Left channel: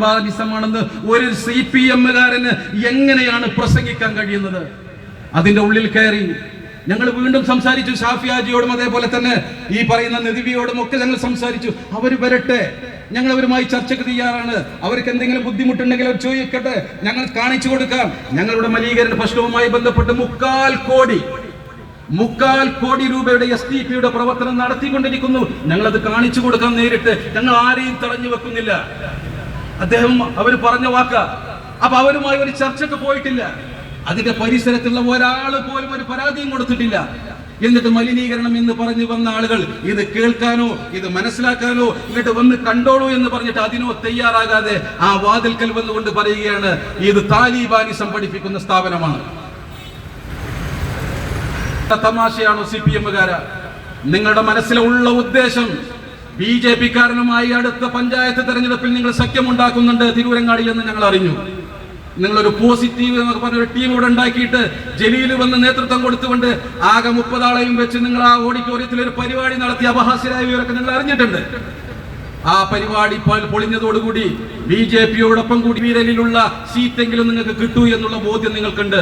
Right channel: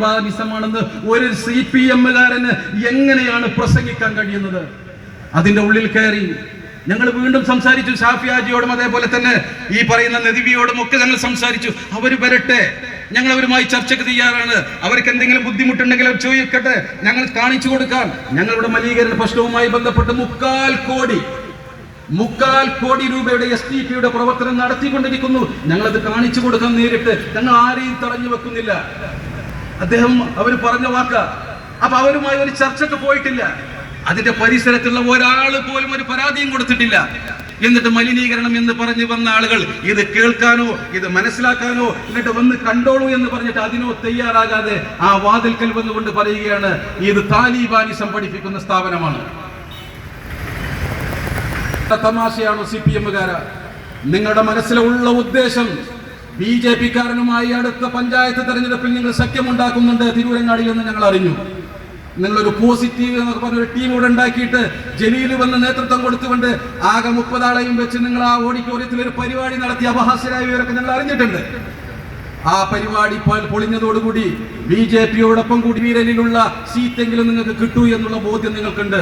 താലിബാനിസമാണെന്ന് ഒരു CPM-കാരന് എങ്ങനെയാണ് പ്രസംഗിക്കാൻ കഴിയുന്നത്? അതിന്റെ ഉള്ളിൽ കയറി ഞങ്ങൾ വീണ്ടും സംസാരിച്ചു. ഷാഫി ഹാജിയോടും അതേപോലെ തന്നെ ഈ പറയുന്ന നദിവിയോടും ഒക്കെ ഞങ്ങൾ സംസാരിച്ചു. അവർ വരട്ടെ, ഞങ്ങൾ അവരുമായി ചർച്ചയ്ക്ക് തയ്യാറാണ്. അവർക്ക് എന്തെങ്കിലും ബുദ്ധിമുട്ടുണ്ടെങ്കിൽ അവർ ചോദിക്കട്ടെ, ഞങ്ങൾ കാണിച്ചു കൊടുക്കാം. ഞങ്ങളുടെ മലീകരണ പ്രശ്നവുമായി ബന്ധപ്പെട്ട് 3.25 കോടി രൂപയുടെ STPയുടെ പ്രവർത്തനം നടത്തിക്കൊണ്ടിരിക്കുന്നു. ഞങ്ങളത് കാണിച്ചു കൊടുക്കാൻ നേരിട്ട്. ഞങ്ങൾ ആരെയും തടഞ്ഞു വെക്കുന്നില്ല. അവർ പറഞ്ഞ വാക്ക. അപ്പൊ അവരുമായി ഒരു ചർച്ചയ്ക്ക് പോയിട്ടില്ല. അതിന്റെ പരിസരത്തുള്ള ഒരാൾ പോലും ഒരു പരാതിയും കൊടുത്തിട്ടില്ല. എന്നിട്ട് മലിനീകരണം എന്ന് പറഞ്ഞു വന്ന ആളുകൾ ഇത് കേൾക്കാനോ ഇത് മനസ്സിലാക്കാനോ എന്നിട്ട് വന്ന് കണ്ടോളൂ എന്ന് പറഞ്ഞിട്ട് അതിനോ തയ്യാറാകാതെ ആ വാതിൽക്കൽ വന്നുകൊണ്ട് പറയുകയാണ് ഇത് താലിബാനിസം പഠിപ്പിക്കുന്ന സ്ഥാപനമാണ്. തമാശയാണോ CPM-കാര? നിങ്ങളുടെ മനസ്സിലുള്ള ഉദ്ദേശം BJP-കാരനുമായി അടുത്ത പഞ്ചായത്ത് തെരഞ്ഞെടുപ്പിൽ നിങ്ങൾ സഖ്യമുണ്ടാക്കുന്നുണ്ട് തിരൂരങ്ങാടിയിൽ എന്ന് ഞങ്ങൾ അറിഞ്ഞു. നിങ്ങളൊരു പോസിറ്റീവ് എന്നൊക്കെ പറഞ്ഞൊരു ടീം ഇവിടെ ഉണ്ടാക്കിയിട്ട് ജലീൽ വന്ന് നേതൃത്വം കൊടുത്തുകൊണ്ട് ആകെ 30 ആളെയും വെച്ച് നിങ്ങൾ ആ ഓഡിറ്റോറിയത്തിൽ ഒരു പരിപാടി നടത്തി അപഹാസ്യരായവരൊക്കെ ഞങ്ങൾ അറിഞ്ഞിട്ടുണ്ട്. ആ പരിപാടി പൊളിഞ്ഞതോടുകൂടി BJP-യോടൊപ്പം കൂടി വീരലിലുള്ള സീറ്റെങ്കിലും നിങ്ങൾക്ക് കിട്ടൂ എന്നുള്ള ബോധ്യം നിങ്ങൾക്കുണ്ട്.